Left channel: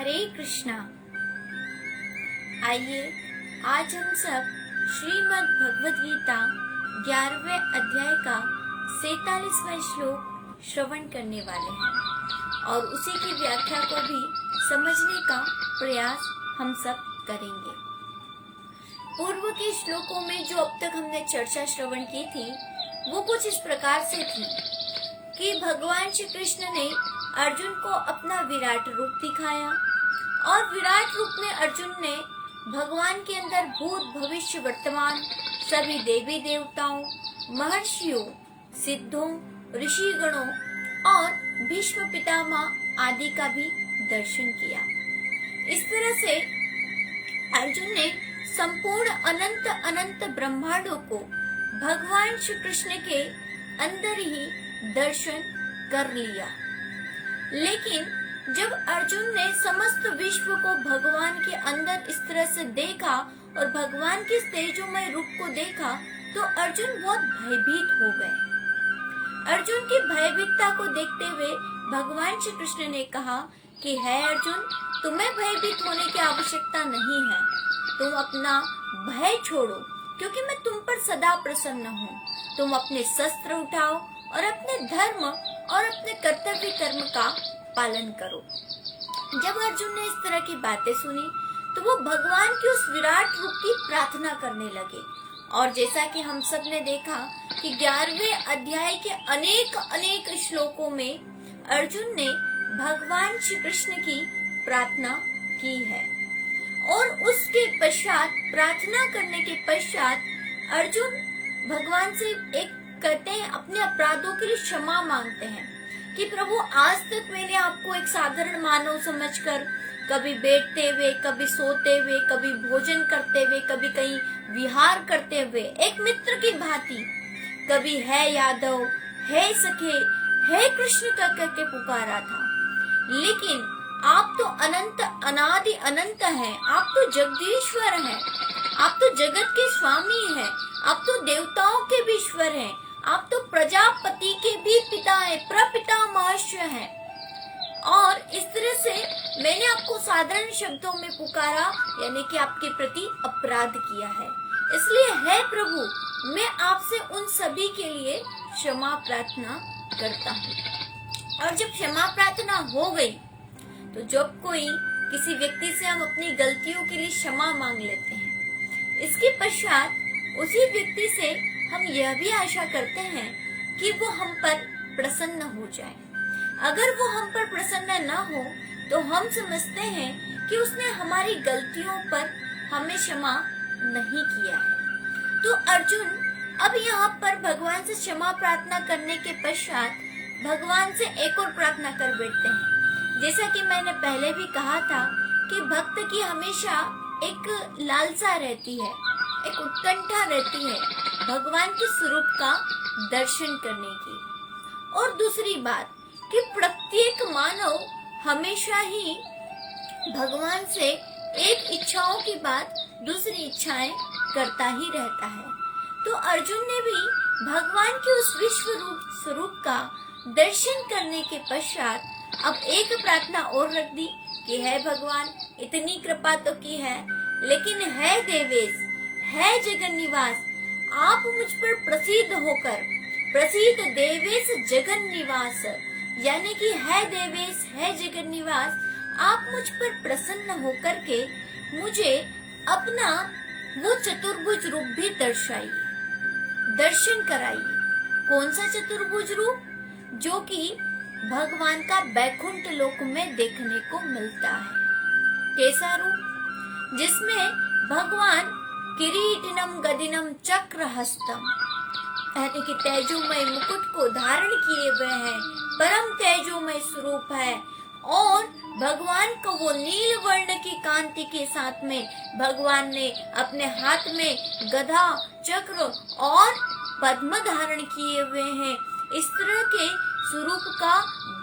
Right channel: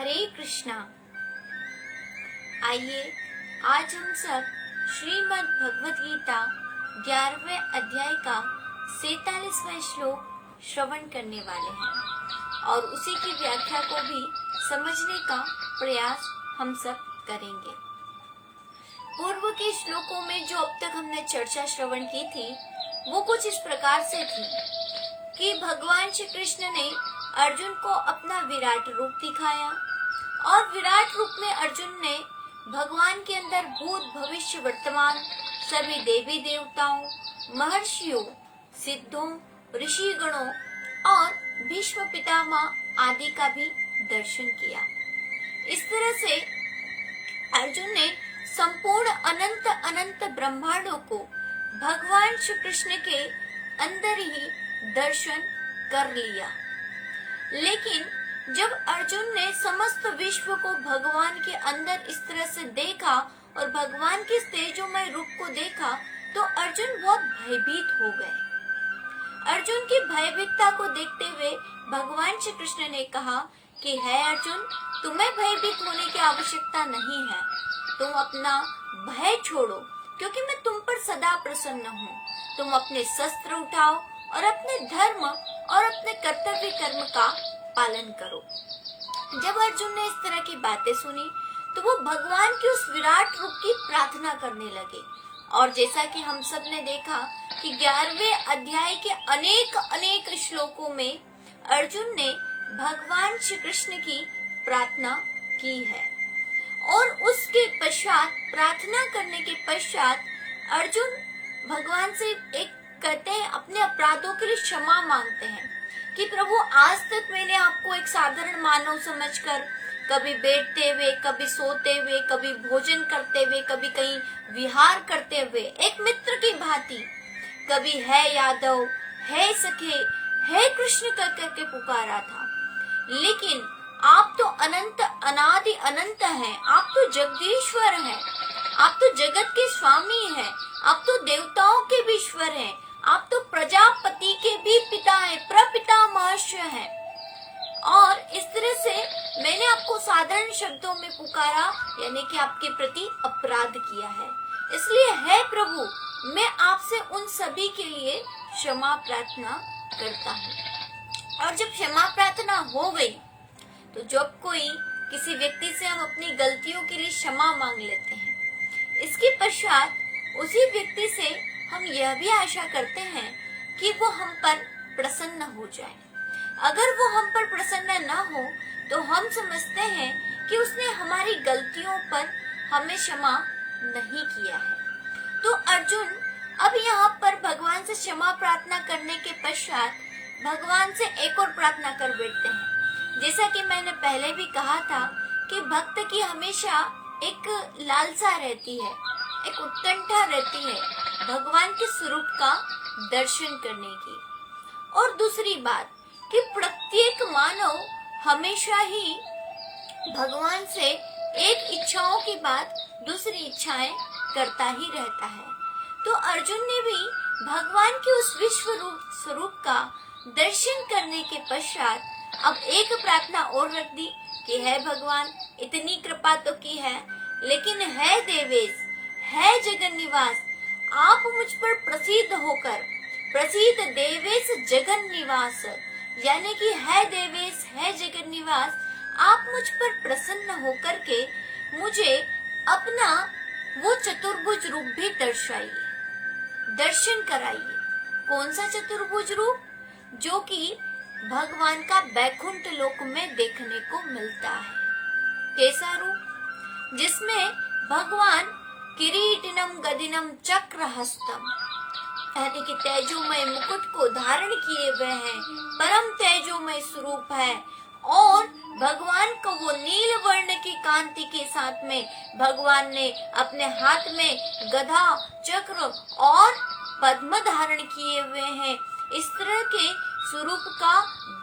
हरे कृष्णा। आइए आज हम सब श्रीमद् भगवद गीता 11वें अध्याय का 47वां श्लोक श्रवण करने वाले हैं और उसी की व्याख्या को भी समझने का प्रयास हम सब करेंगे। पूर्व के श्लोकों में जो अब तक हमने चर्चा श्रवण की थी वो कुछ इस प्रकार से थी कि भगवान श्री कृष्ण ने अर्जुन को अपना विराट रूप दिखाया और विराट रूप में अर्जुन ने भगवान के अंदर भूत भविष्य वर्तमान सभी देवी देवताओं, महर्षियों, सिद्धों, ऋषिगणों और भीष्म पितामह आदि का भी दर्शन किया। इस तरह से अर्जुन ने संपूर्ण अनंत अनंत ब्रह्मांडों को भगवान श्री कृष्ण के अंदर ही दर्शन कर लिया। लेकिन जब अर्जुन ने समस्त विश्व को भगवान के अंदर इस तरह से देखा और भगवान के तेजोमय रूप को देखा तो अर्जुन बहुत भयभीत हो गए। अर्जुन की भयभीतता को देखते हुए भगवान श्री कृष्ण ने कहा कि है अर्जुन, तुम्हें भयभीत होने की आवश्यकता नहीं है। तुम अपना भय छोड़ो क्योंकि मैं तुम पर सदा प्रसन्न हूँ। तुम अपने शस्त्र उठाओ और अपने धर्म और अपने कर्तव्य कर्म का पालन करो। जब अर्जुन ने इस तरह की बातें सुनी तो वो भगवान की उस विराट रूप की प्रार्थना करने लगे। और जैसा कि हम सब ने देखा कि 11वें अध्याय के अनेक अनेक श्लोकों में अर्जुन ने भगवान श्री कृष्ण की प्रार्थना की है और उसके पश्चात प्रार्थना करने के पश्चात अर्जुन भगवान से एक कहते हैं अपने अपराधों के लिए क्षमा मांगते हैं कि प्रभु आज तक मैंने आपको एक साधारण मानव समझकर कभी बैठते हुए, कभी सोते हुए, कभी भोजन करते हुए, कभी कहीं विहार करते हुए एक मित्र की भांति कभी है यादव, है सखे, है कृष्ण कर करके पुकारा था। लेकिन आप तो अनंत अनादि अनंत हैं, आप तो जगदीश्वर हैं, आप तो जगत के स्वामी हैं, आप तो देवताओं के भी ईश्वर हैं, आप तो प्रजापति के भी पिता हैं, प्रपितामह हैं। और इस तरह से मैंने आपको साधारण शब्दों में पुकारा यानी कि आपके प्रति अपराध किया है। इसलिए है प्रभु, मैं आपसे उन सभी के लिए क्षमा प्रार्थना करता हूँ। और जब क्षमा प्रार्थना हो गई तो जब कोई किसी व्यक्ति से हम अपनी गलतियों के लिए क्षमा मांग लेते हैं, इसके पश्चात उसी व्यक्ति से हम यह भी आशा करते हैं कि वो हम पर प्रसन्न हो जाए। अगर वो हम पर प्रसन्न न हो तो हम समझते हैं कि उसने हमारी गलतियों पर हमें क्षमा नहीं किया है। तो अर्जुन अब यहाँ पर भगवान से क्षमा प्रार्थना करने के पश्चात भगवान से एक और प्रार्थना कर बैठते हैं। जैसा कि मैंने पहले भी कहा था कि भक्त की हमेशा एक लालसा रहती है, एक उत्कंठा रहती है भगवान के स्वरूप का दर्शन करने की। और दूसरी बात कि प्रत्येक मानव हमेशा ही भगवान से एक इच्छाओं की बात दूसरी इच्छाएं करता ही रहता है। तो अर्जुन ने भी भगवान के उस विश्व रूप स्वरूप का दर्शन करने के पश्चात अब एक प्रार्थना और रख दी कि है भगवान, इतनी कृपा तो की है, लेकिन है देवेश, है जगन निवास, आप मुझ पर प्रसिद्ध होकर, प्रसिद्ध देवेश जगन निवास यानी कि है देवेश, है जगन निवास, आप मुझ पर प्रसन्न होकर के मुझे अपना वो चतुर्भुज रूप भी दर्शाइए, दर्शन कराइए। कौन सा चतुर्भुज रूप? जो कि भगवान का बैकुंठ लोक में देखने को मिलता है। कैसा रूप? जिसमें भगवान किरीटिनम गदिनम चक्र हस्तम यानी कि तेजोमय मुकुट को धारण किए हुए हैं, परम तेजोमय स्वरूप है और भगवान को वो नील वर्ण की कांति के साथ में भगवान ने अपने हाथ में गदा, चक्र और पद्म धारण किए हुए हैं। इस तरह के स्वरूप का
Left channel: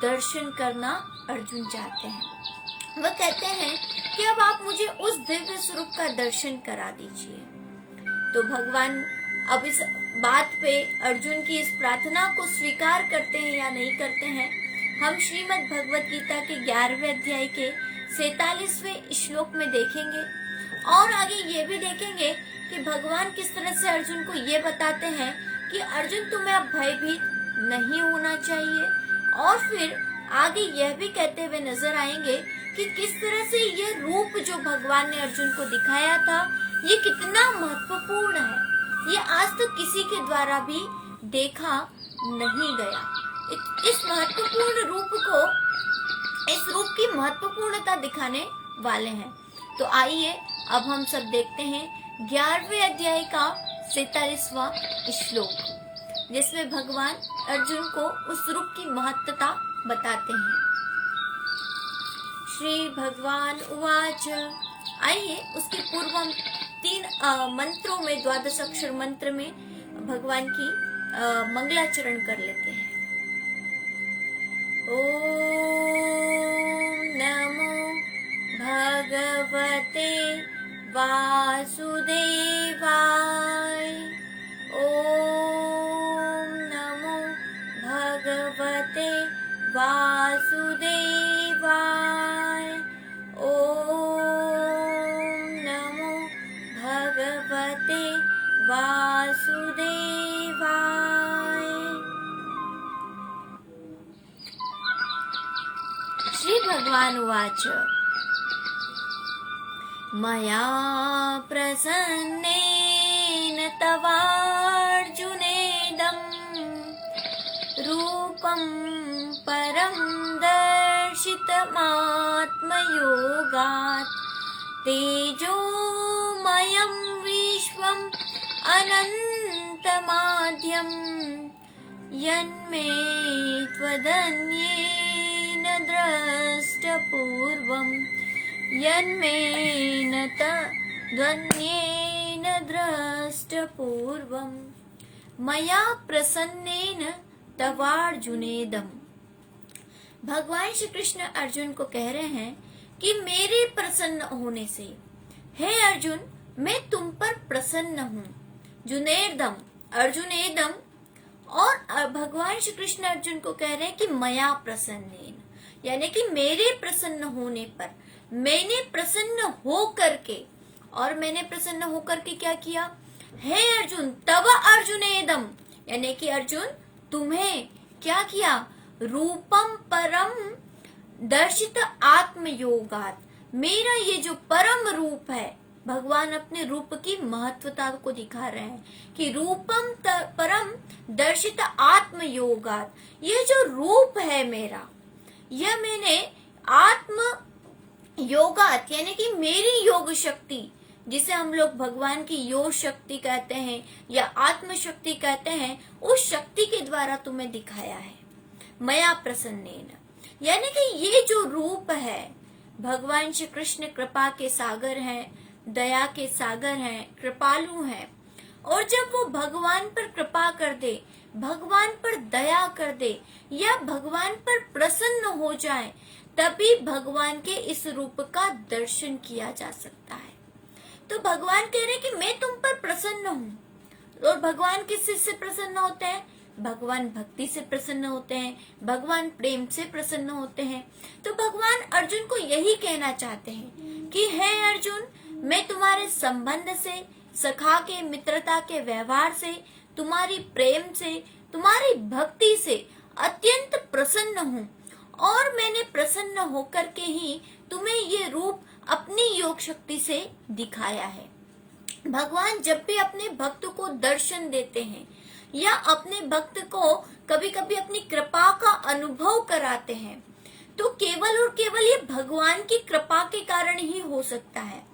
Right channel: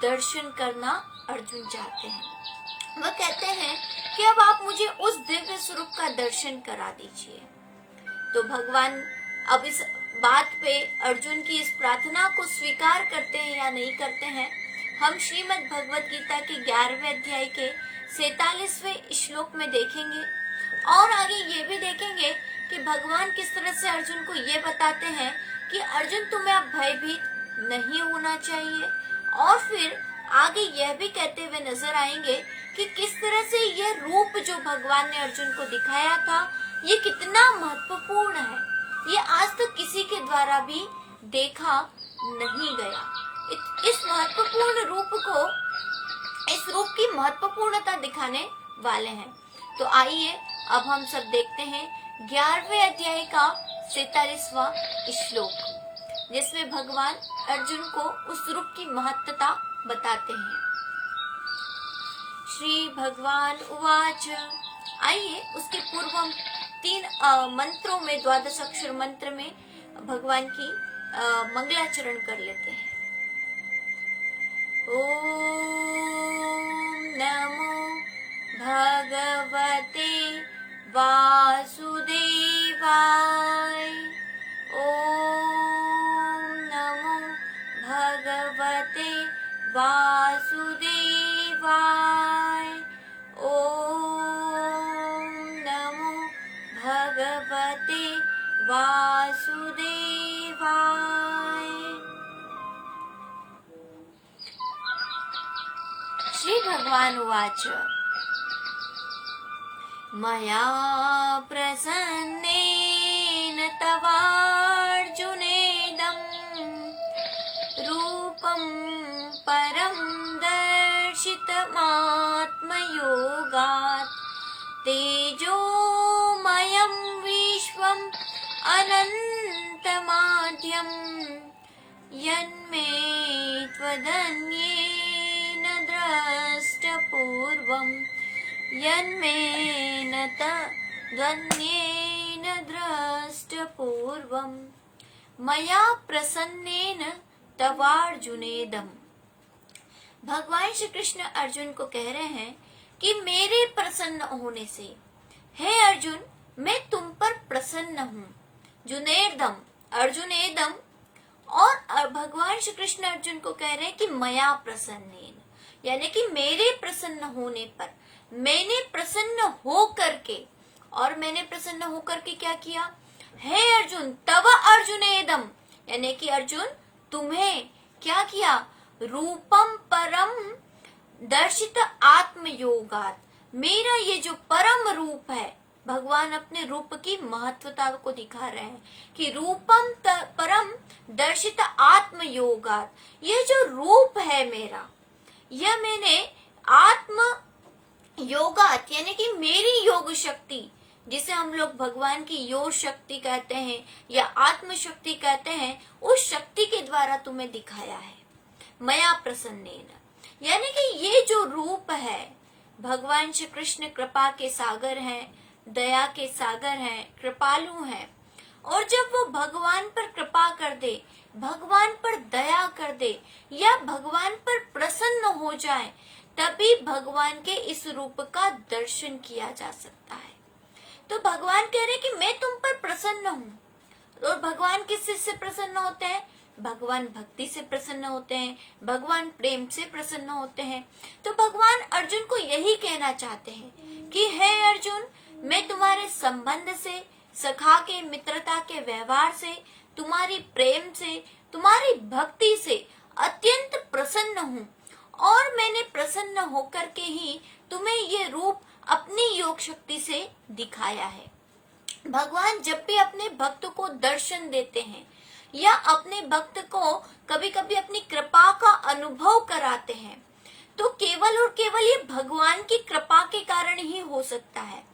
दर्शन करना अर्जुन चाहते हैं। वह कहते हैं कि अब आप मुझे उस दिव्य स्वरूप का दर्शन करा दीजिए। तो भगवान अब इस बात पे अर्जुन की इस प्रार्थना को स्वीकार करते हैं या नहीं करते हैं, हम श्रीमद् भगवद गीता के 11वें अध्याय के 47वें श्लोक में देखेंगे। और आगे ये भी देखेंगे कि भगवान किस तरह से अर्जुन को ये बताते हैं कि अर्जुन तुम्हें अब भयभीत नहीं होना चाहिए। और फिर आगे यह भी कहते हुए नजर आएंगे कि किस तरह से यह रूप जो भगवान ने अर्जुन को दिखाया था ये कितना महत्वपूर्ण है, ये आज तक किसी के द्वारा भी देखा नहीं गया। इस महत्वपूर्ण रूप को, इस रूप की महत्वपूर्णता दिखाने वाले हैं। तो आइए अब हम सब देखते हैं 11वें अध्याय का 47वां श्लोक, जिसमें भगवान अर्जुन को उस रूप की महत्वता बताते हैं। श्री भगवान उवाच। आइए उसके पूर्व हम 3 मंत्रों में, 12 अक्षर मंत्र में भगवान की मंगलाचरण कर लेते हैं। ओम नमो भगवते वासुदेवाय। ओम नमो भगवते वासुदेवाय। ओम नमो भगवते वासुदेवाय। श्री भगवान उवाच। मया प्रसन्नेन तवार्जुनेदं रूपं परं दर्शितमात्मयोगात् तेजोमयं विश्वम् अनन्तमाद्यं यन्मे त्वदन्येन द्रष्टपूर्वम् यन्मेन त्वदन्येन द्रष्टपूर्वम्। मया प्रसन्नेन तवार्जुनेदम्। भगवान श्री कृष्ण अर्जुन को कह रहे हैं कि मेरे प्रसन्न होने से, हे अर्जुन मैं तुम पर प्रसन्न हूँ। जुनेदम, अर्जुनेदम। और भगवान श्री कृष्ण अर्जुन को कह रहे हैं कि मया प्रसन्नेन, यानी कि मेरे प्रसन्न होने पर, मैंने प्रसन्न हो करके, और मैंने प्रसन्न होकर के क्या किया? हे अर्जुन तव अर्जुनेदम, यानी कि अर्जुन तुम्हें क्या किया? रूपम परम दर्शित आत्मयोगात, मेरा ये जो परम रूप है, भगवान अपने रूप की महत्वता को दिखा रहे हैं कि रूपम परम दर्शित आत्मयोगात, ये जो रूप है मेरा, यह मैंने आत्म योगात, यानी कि मेरी योग शक्ति, जिसे हम लोग भगवान की योग शक्ति कहते हैं या आत्म शक्ति कहते हैं, उस शक्ति के द्वारा तुम्हें दिखाया है। मया प्रसन्नेन, यानी कि ये जो रूप है, भगवान श्री कृष्ण कृपा के सागर हैं, दया के सागर हैं, कृपालु हैं। और जब वो भगवान पर कृपा कर दे, भगवान पर दया कर दे या भगवान पर प्रसन्न हो जाए, तभी भगवान के इस रूप का दर्शन किया जा सकता है। तो भगवान कह रहे कि मैं तुम पर प्रसन्न हूँ। और भगवान किससे प्रसन्न होते हैं? भगवान भक्ति से प्रसन्न होते हैं, भगवान प्रेम से प्रसन्न होते हैं। तो भगवान अर्जुन को यही कहना चाहते हैं कि हे अर्जुन, मैं तुम्हारे संबंध से, सखा के मित्रता के व्यवहार से, तुम्हारी प्रेम से, तुम्हारी भक्ति से अत्यंत प्रसन्न हूँ। और मैंने प्रसन्न होकर के ही तुम्हें ये रूप अपनी योग शक्ति से दिखाया है। भगवान जब भी अपने भक्त को दर्शन देते हैं या अपने भक्त को कभी कभी अपनी कृपा का अनुभव कराते हैं, तो केवल और केवल ये भगवान की कृपा के कारण ही हो सकता है।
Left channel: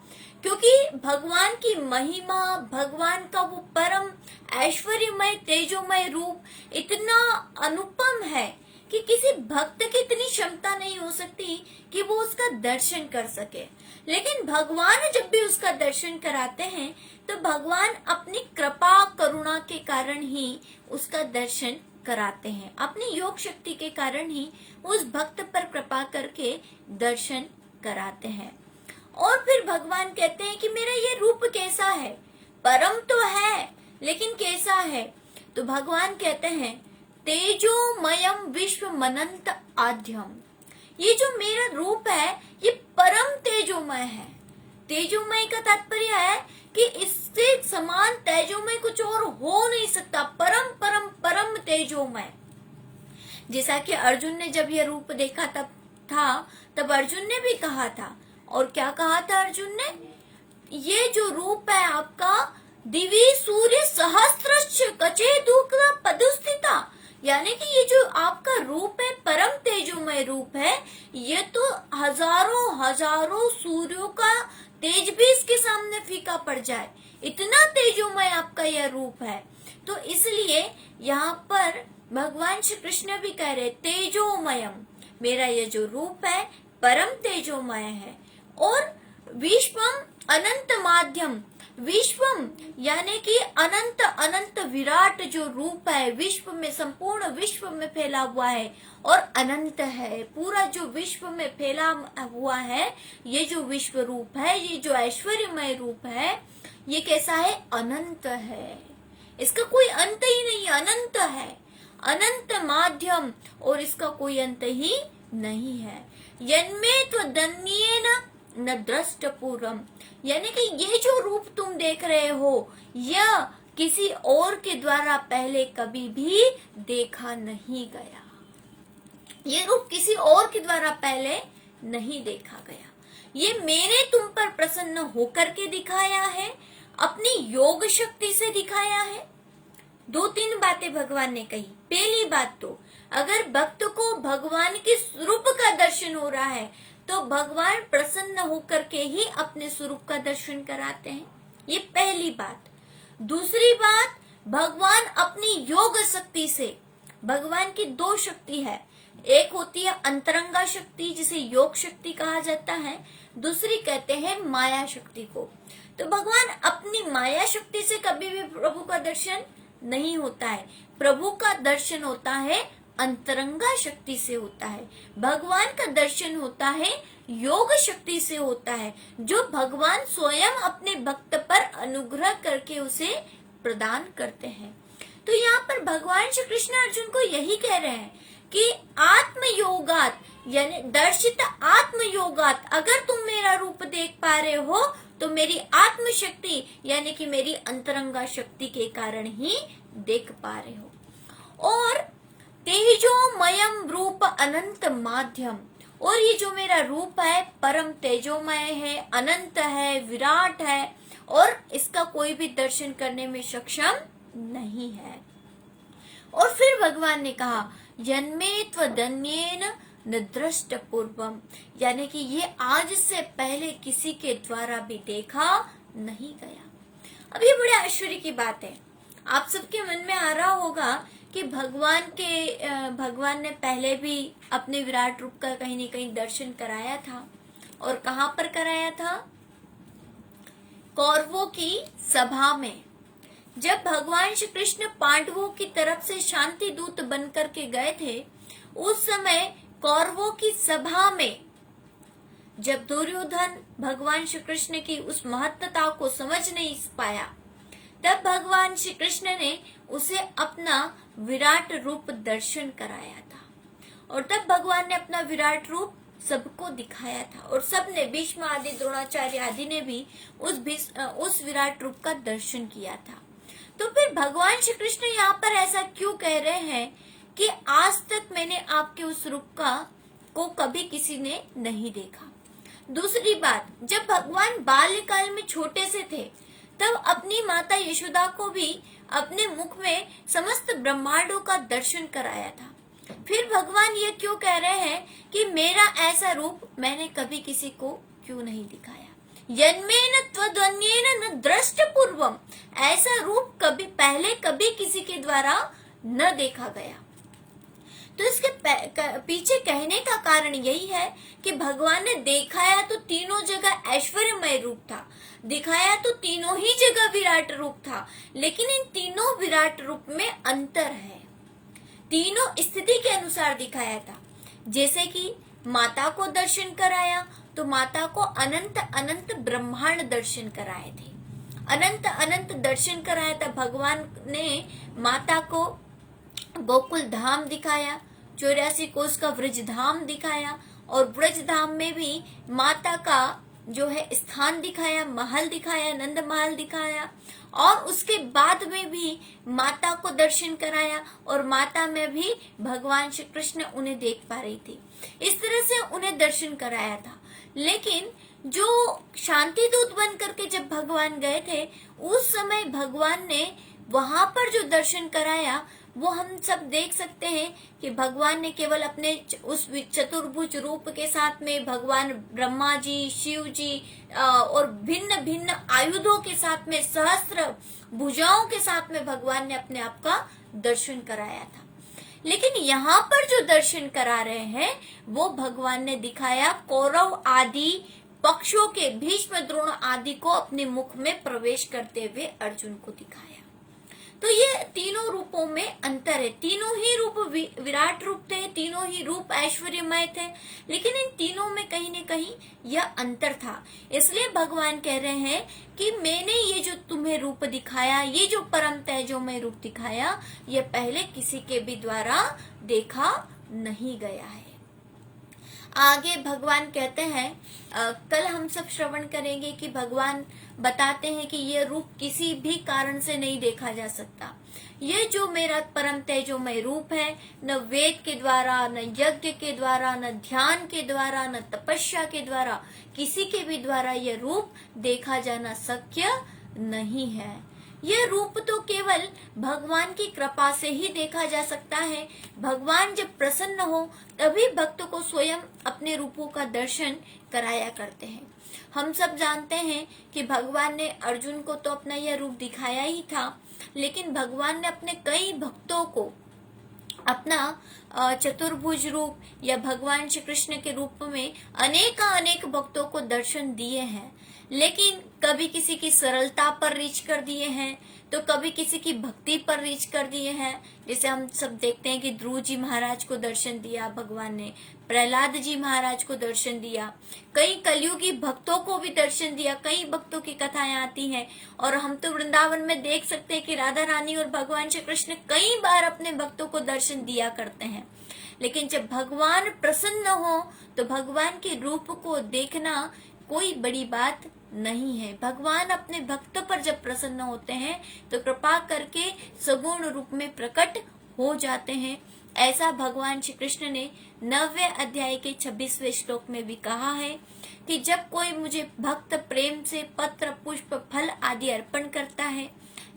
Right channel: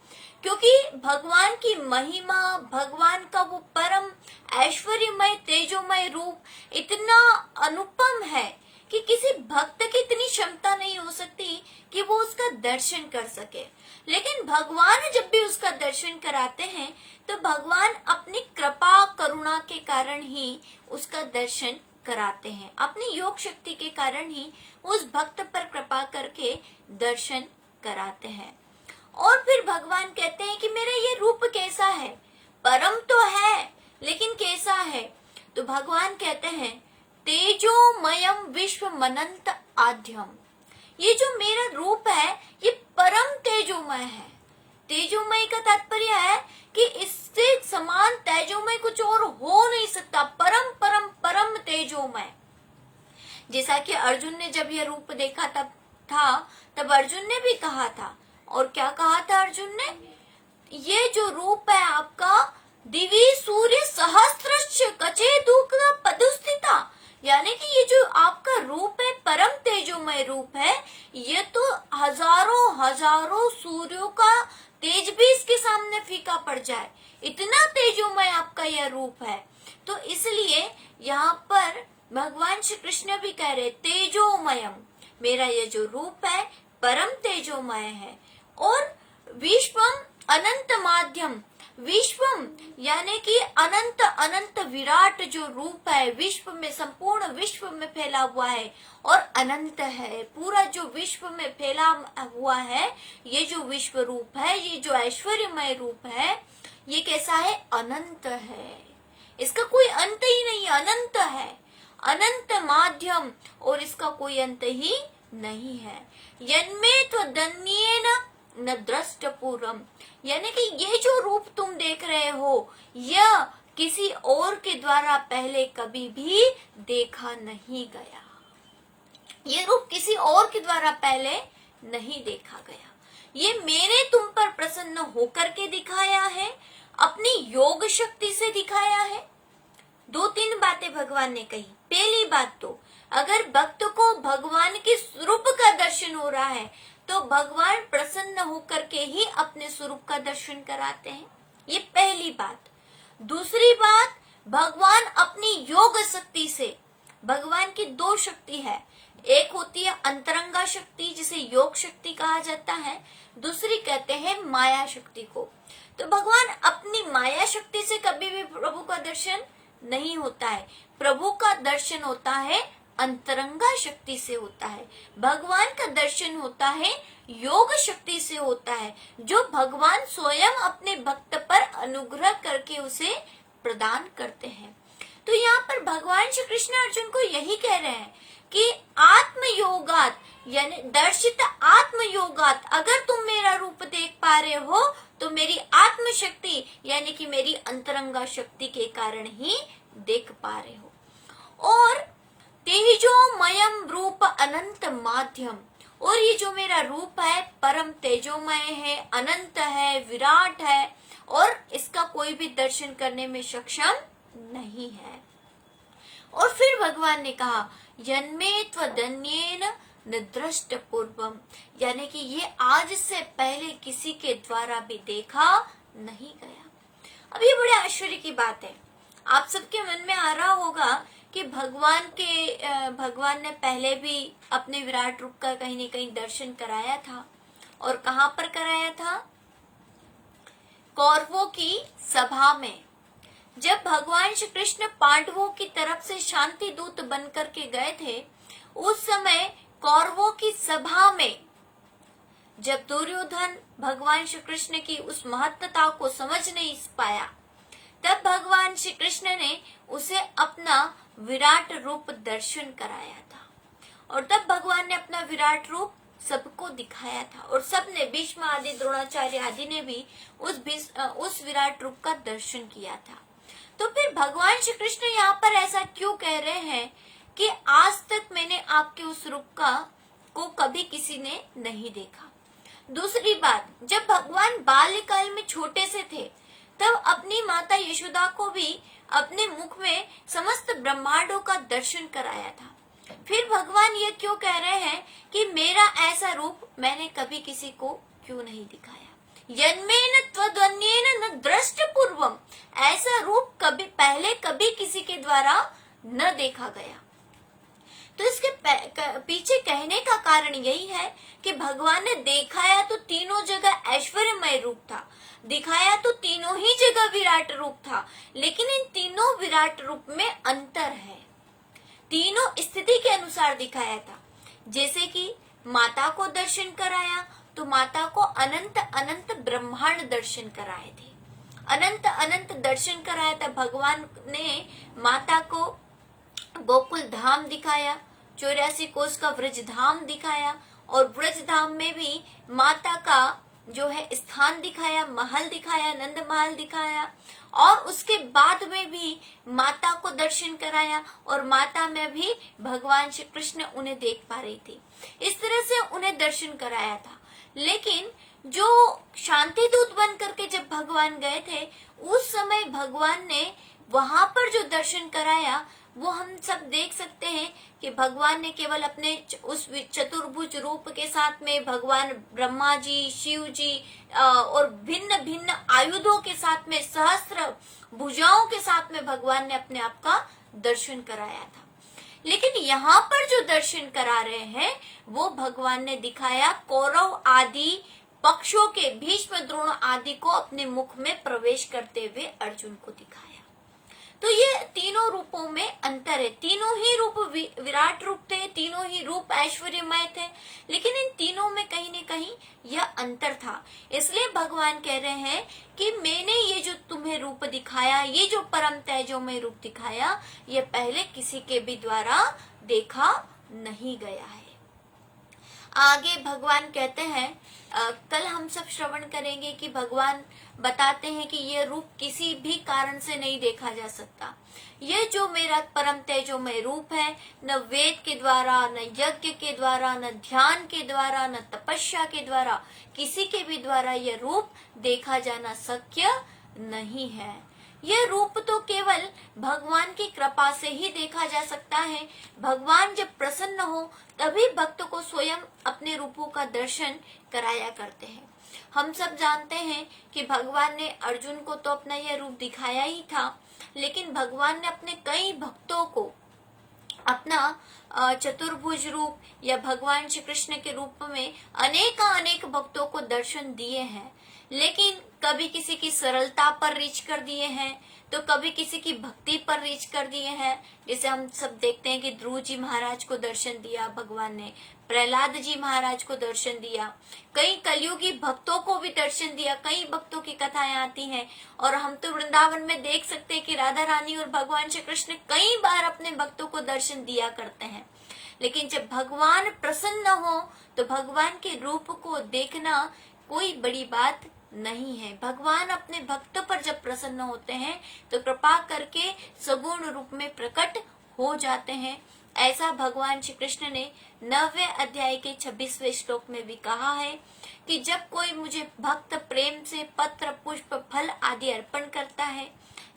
क्योंकि भगवान की महिमा, भगवान का वो परम ऐश्वर्यमय तेजोमय रूप इतना अनुपम है कि किसी भक्त की इतनी क्षमता नहीं हो सकती कि वो उसका दर्शन कर सके। लेकिन भगवान जब भी उसका दर्शन कराते हैं तो भगवान अपनी कृपा करुणा के कारण ही उसका दर्शन कराते हैं, अपनी योग शक्ति के कारण ही उस भक्त पर कृपा करके दर्शन कराते हैं। और फिर भगवान कहते हैं कि मेरा ये रूप कैसा है? परम तो है, लेकिन कैसा है? तो भगवान कहते हैं तेजोमयम विश्व मनंत आद्यम, ये जो मेरा रूप है ये परम तेजोमय का तात्पर्य है कि इससे समान तेजोमय कुछ और हो नहीं सकता, परम परम परम तेजोमय। जैसा कि अर्जुन ने जब यह रूप देखा तब अर्जुन ने भी कहा था, और क्या कहा था अर्जुन ने, ये जो रूप है आपका, दिवी सूर्य सहस्त्रश्च कचे दुख पदुस्थिता, यानी कि ये जो आपका रूप है परम तेजोमय रूप है, ये तो हजारों हजारों सूर्यों का तेज भी इसके सामने फीका पड़ जाए, इतना तेजोमय आपका यह रूप है। तो इसलिए यहाँ पर भगवान श्री कृष्ण भी कह रहे तेजोमयम, मेरा ये जो रूप है परम तेजोमय है। और विश्वम अनंत माध्यम, विश्वम यानी कि अनंत अनंत विराट जो रूप है, विश्व में, संपूर्ण विश्व में फैला हुआ है और अनंत है, पूरा जो विश्व में फैला हुआ है, ये जो विश्व रूप है, ये जो ऐश्वर्यमय रूप है, ये कैसा है, अनंत है, इसका कोई अंत ही नहीं, अनंत है, अनंत माध्यम, और इसका कोई अंत ही नहीं है। यन्मे त्वदन्येन न दृष्ट पूर्वम, यानी कि ये जो रूप तुम देख रहे हो, यह किसी और के द्वारा पहले कभी भी देखा नहीं गया, ये रूप किसी और के द्वारा पहले नहीं देखा गया, ये मैंने तुम पर प्रसन्न होकर के दिखाया है, अपनी योग शक्ति से दिखाया है। दो तीन बातें भगवान ने कही। पहली बात तो, अगर भक्त को भगवान के स्वरूप का दर्शन हो रहा है तो भगवान प्रसन्न होकर के ही अपने स्वरूप का दर्शन कराते हैं, ये पहली बात। दूसरी बात, भगवान अपनी योग शक्ति से, भगवान की दो शक्ति है, एक होती है अंतरंगा शक्ति जिसे योग शक्ति कहा जाता है, दूसरी कहते हैं माया शक्ति को। तो भगवान अपनी माया शक्ति से कभी भी प्रभु का दर्शन नहीं होता है, प्रभु का दर्शन होता है अंतरंगा शक्ति से होता है, भगवान का दर्शन होता है योग शक्ति से होता है, जो भगवान स्वयं अपने भक्त पर अनुग्रह करके उसे प्रदान करते हैं। तो यहाँ पर भगवान श्री कृष्ण अर्जुन को यही कह रहे हैं कि आत्मयोगात, यानी दर्शित आत्मयोगात, अगर तुम मेरा रूप देख पा रहे हो तो मेरी आत्म शक्ति यानी कि मेरी अंतरंगा शक्ति के कारण ही देख पा रहे हो। और तेजोमयम रूप अनंत माध्यम, और ये जो मेरा रूप है परम तेजोमय है, अनंत है, विराट है, और इसका कोई भी दर्शन करने में सक्षम नहीं है। और फिर भगवान ने कहा यन्मे त्वदन्येन न दृष्ट पूर्वम, यानी कि ये आज से पहले किसी के द्वारा भी देखा नहीं गया। अब ये बड़े आश्चर्य की बात है, आप सबके मन में आ रहा होगा कि भगवान ने पहले भी अपने विराट रूप का कहीं न कहीं दर्शन कराया था, और कहाँ पर कराया था, कौरवों की सभा में। जब भगवान श्री कृष्ण पांडवों की तरफ से शांति दूत बनकर के गए थे, उस समय कौरवों की सभा में जब दुर्योधन भगवान श्री कृष्ण की उस महत्ता को समझ नहीं पाया, तब भगवान श्री कृष्ण ने उसे अपना विराट रूप दर्शन कराया था, और तब भगवान ने अपना विराट रूप सबको दिखाया था, और सबने, भीष्म आदि, द्रोणाचार्य आदि ने भी उस विराट रूप का दर्शन किया था। तो फिर भगवान श्री कृष्ण यहाँ पर ऐसा क्यों कह रहे हैं कि आज तक मैंने आपके उस रूप को कभी किसी ने नहीं देखा। दूसरी बात, जब भगवान बाल्यकाल में छोटे से थे तब अपनी माता यशोदा को भी अपने मुख में समस्त ब्रह्मांडों का दर्शन कराया था। फिर भगवान ये क्यों कह रहे हैं कि मेरा ऐसा रूप मैंने कभी किसी को क्यों नहीं दिखाया, यन्मेन त्वदन्येन न दृष्ट पूर्वम, ऐसा रूप कभी पहले कभी किसी के द्वारा न देखा गया। तो इसके पीछे कहने का कारण यही है कि भगवान ने दिखाया तो तीनों जगह ऐश्वर्यमय रूप था, दिखाया तो तीनों ही जगह विराट रूप था, लेकिन इन तीनों विराट रूप में अंतर है, तीनों स्थिति के अनुसार दिखाया था। जैसे कि माता को दर्शन कराया तो माता को अनंत अनंत ब्रह्मांड दर्शन कराए थे, अनंत अनंत दर्शन कराया था। भगवान ने माता को गोकुल धाम दिखाया, 84 कोस का व्रज धाम दिखाया, और व्रज धाम में भी माता का जो है स्थान दिखाया, महल दिखाया, नंद महल दिखाया, और उसके बाद में भी माता को दर्शन कराया, और माता में भी भगवान श्री कृष्ण उन्हें देख पा रही थी। इस तरह से उन्हें दर्शन कराया था। लेकिन जो शांति दूत बन करके जब भगवान गए थे, उस समय भगवान ने वहां पर जो दर्शन कराया, वो हम सब देख सकते हैं कि भगवान ने केवल अपने उस चतुर्भुज रूप के साथ में भगवान ब्रह्मा जी, शिव जी और भिन्न भिन्न आयुधों के साथ में, सहस्त्र भुजाओं के साथ में भगवान ने अपने आप का दर्शन कराया था। लेकिन यहाँ पर जो दर्शन करा रहे हैं, वो भगवान ने दिखाया कौरव आदि पक्षों के, भीष्म, द्रोण आदि को अपने मुख में प्रवेश करते हुए अर्जुन को दिखाया। तो ये तीनों रूपों में अंतर है। तीनों ही रूप विराट रूप थे, तीनों ही रूप ऐश्वर्यमय थे, लेकिन इन तीनों में कहीं न कहीं यह अंतर था। इसलिए भगवान कह रहे हैं कि मैंने ये जो तुम्हें रूप दिखाया, ये जो परम तेजोमय रूप दिखाया, ये पहले किसी के भी द्वारा देखा नहीं गया है। आगे भगवान कहते हैं, कल हम सब श्रवण करेंगे कि भगवान बताते हैं कि ये रूप किसी भी कारण से नहीं देखा जा सकता। ये जो मेरा परम तेजोमय रूप है, न वेद के द्वारा, न यज्ञ के द्वारा, न ध्यान के द्वारा, न तपस्या के द्वारा, किसी के भी द्वारा ये रूप देखा जाना शक्य नहीं है। ये रूप तो केवल भगवान की कृपा से ही देखा जा सकता है। भगवान जब प्रसन्न हो तभी भक्त को स्वयं अपने रूपों का दर्शन कराया करते हैं। हम सब जानते हैं कि भगवान ने अर्जुन को तो अपना यह रूप दिखाया ही था, लेकिन भगवान ने अपने कई भक्तों को अपना चतुर्भुज रूप या भगवान श्री कृष्ण के रूप में अनेक भक्तों को दर्शन दिए हैं। लेकिन कभी किसी की सरलता पर रीच कर दिए हैं, तो कभी किसी की भक्ति पर रीच कर दिए हैं। जैसे हम सब देखते हैं कि ध्रुव जी महाराज को दर्शन दिया भगवान ने, प्रहलाद जी महाराज को दर्शन दिया, कई कलयुगी भक्तों को भी दर्शन दिया। कई भक्तों की कथाएं आती हैं, और हम तो वृंदावन में देख सकते हैं कि राधा रानी और भगवान श्री कृष्ण कई बार अपने भक्तों को दर्शन दिया करते हैं। लेकिन जब भगवान प्रसन्न हो तो भगवान के रूप को देखना कोई बड़ी बात नहीं है। भगवान अपने भक्त पर जब प्रसन्न होते हैं तो कृपा करके सगुण रूप में प्रकट हो जाते हैं। ऐसा भगवान श्री कृष्ण ने 9वें अध्याय के 26वें श्लोक में भी कहा है कि जब कोई मुझे भक्त प्रेम से पत्र, पुष्प, फल आदि अर्पण करता है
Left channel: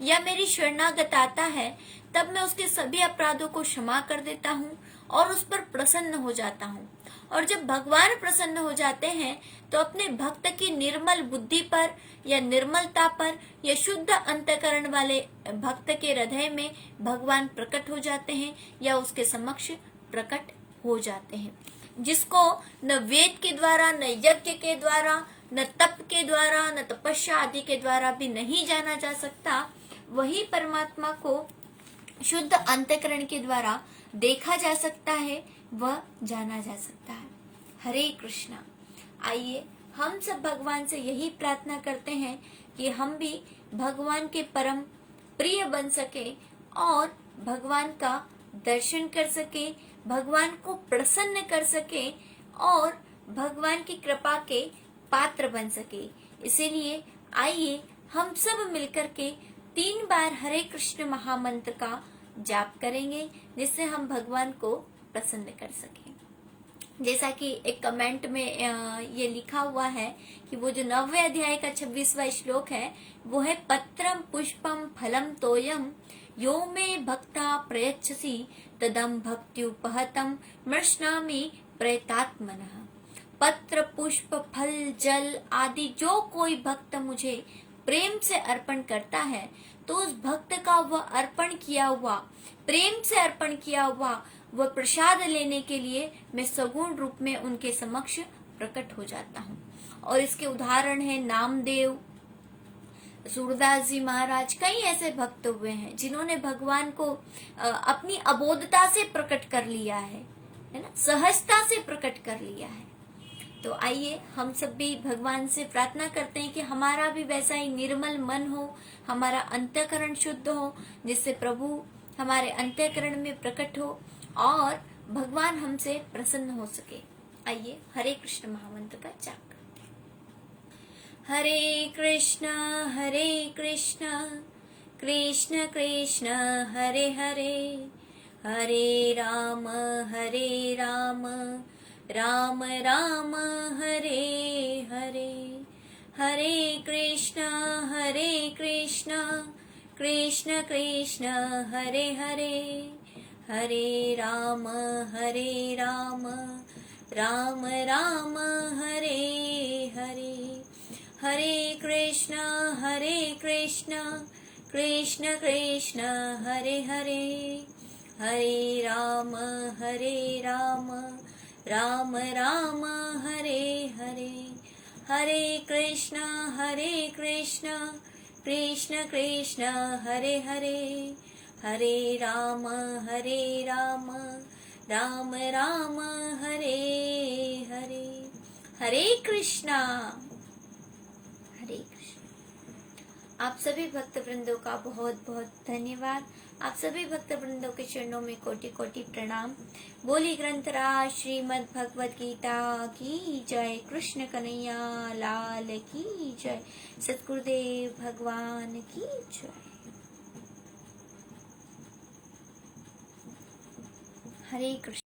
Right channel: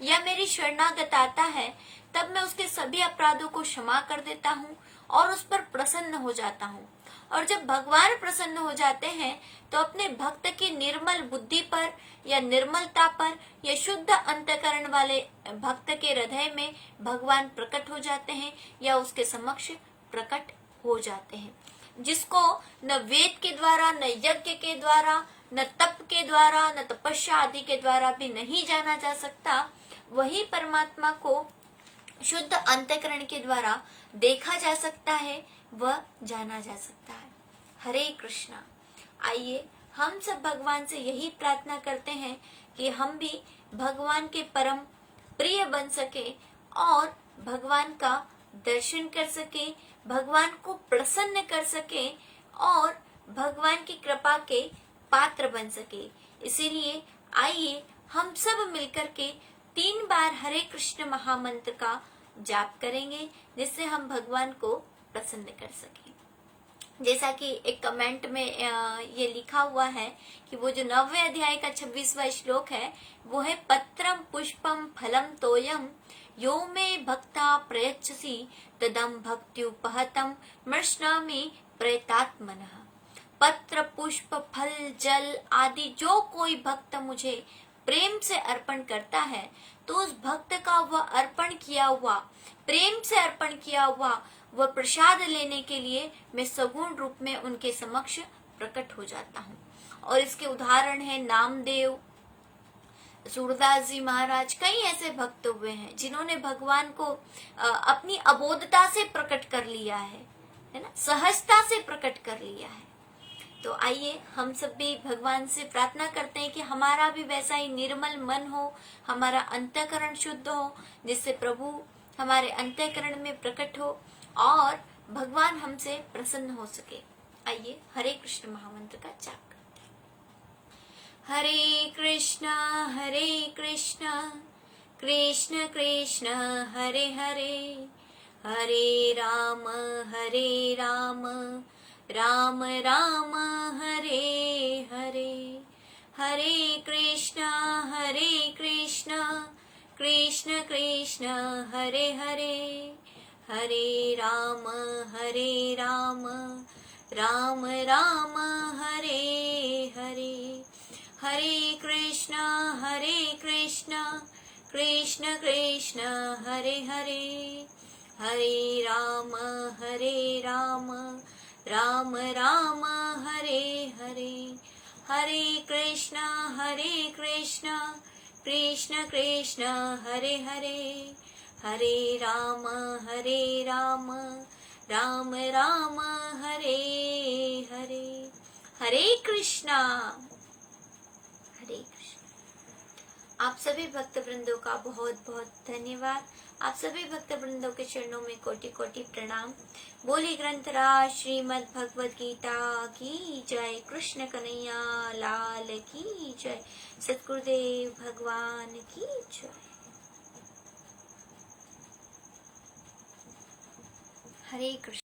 या मेरी शरणागत आता है, तब मैं उसके सभी अपराधों को क्षमा कर देता हूँ और उस पर प्रसन्न हो जाता हूँ। और जब भगवान प्रसन्न हो जाते हैं तो अपने भक्त की निर्मल बुद्धि पर या निर्मलता पर या शुद्ध अंतकरण वाले भक्त के हृदय में भगवान प्रकट हो जाते हैं या उसके समक्ष प्रकट हो जाते हैं, जिसको न वेद के द्वारा, न यज्ञ के द्वारा, न तप के द्वारा, न तपस्या आदि के द्वारा भी नहीं जाना जा सकता। वही परमात्मा को शुद्ध अंतकरण के द्वारा देखा जा सकता है, वह जाना जा सकता है। हरे कृष्णा। आइए हम सब भगवान से यही प्रार्थना करते हैं कि हम भी भगवान के परम प्रिय बन सके और भगवान का दर्शन कर सके, भगवान को प्रसन्न कर सके और भगवान की कृपा के पात्र बन सके। इसीलिए आइए हम सब मिलकर के 3 बार हरे कृष्ण महामंत्र का जाप करेंगे, जिससे हम भगवान को प्रसन्न कर सकें। जैसा कि एक कमेंट में ये लिखा हुआ है कि वो जो 9वें अध्याय का 26वां श्लोक है, वो है पत्रम पुष्पम फलम तोयम यो मे भक्ता प्रयच्छसि तदम भक्त्युपहतम मृष्णामि प्रेतात्मनः। पत्र, पुष्प, फल, जल आदि जो कोई भक्त मुझे प्रेम से अर्पण करता है, तो उस भक्त का वह अर्पण किया हुआ, प्रेम से अर्पण किया हुआ वह प्रसाद लेने के लिए मैं सगुण रूप में उनके समक्ष प्रकट हो जाता हूँ। और इसके उदाहरण है नामदेव, सूरदास जी महाराज, कई ऐसे भक्त हुए हैं जिन्होंने भगवान को अपनी अबोधता से प्रकट कर लिया है ना, सहजता से प्रकट कर लिया है। तो आइए हम सब भी भगवान से प्रार्थना करते हैं कि हमारा भी वैसा ही निर्मल मन हो, हमारा अंतःकरण शुद्ध हो, जिससे प्रभु हमारे अंतःकरण में प्रकट हो और भगवान हमसे प्रसन्न हो सके। आइए हरे कृष्ण महामंत्र का जाप। हरे कृष्णा कृष्ण कृष्ण हरे हरे, हरे राम राम राम हरे हरे। हरे कृष्णा कृष्ण कृष्ण हरे हरे, हरे राम राम राम हरे हरे। हरे कृष्णा कृष्ण कृष्ण हरे हरे, हरे राम राम राम हरे हरे। हरे कृष्णा कृष्ण कृष्ण हरे हरे, हरे राम राम राम हरे हरे। हरे कृष्णा। हरे कृष्ण। आप सभी भक्त वृंदों का बहुत बहुत धन्यवाद। आप सभी भक्त वृंदों के चरणों में कोटि कोटि प्रणाम। बोली ग्रंथराज श्रीमद् भगवद गीता की जय। कृष्ण कन्हैया लाल की जय। सतगुरुदेव भगवान की जय। हरे कृष्ण।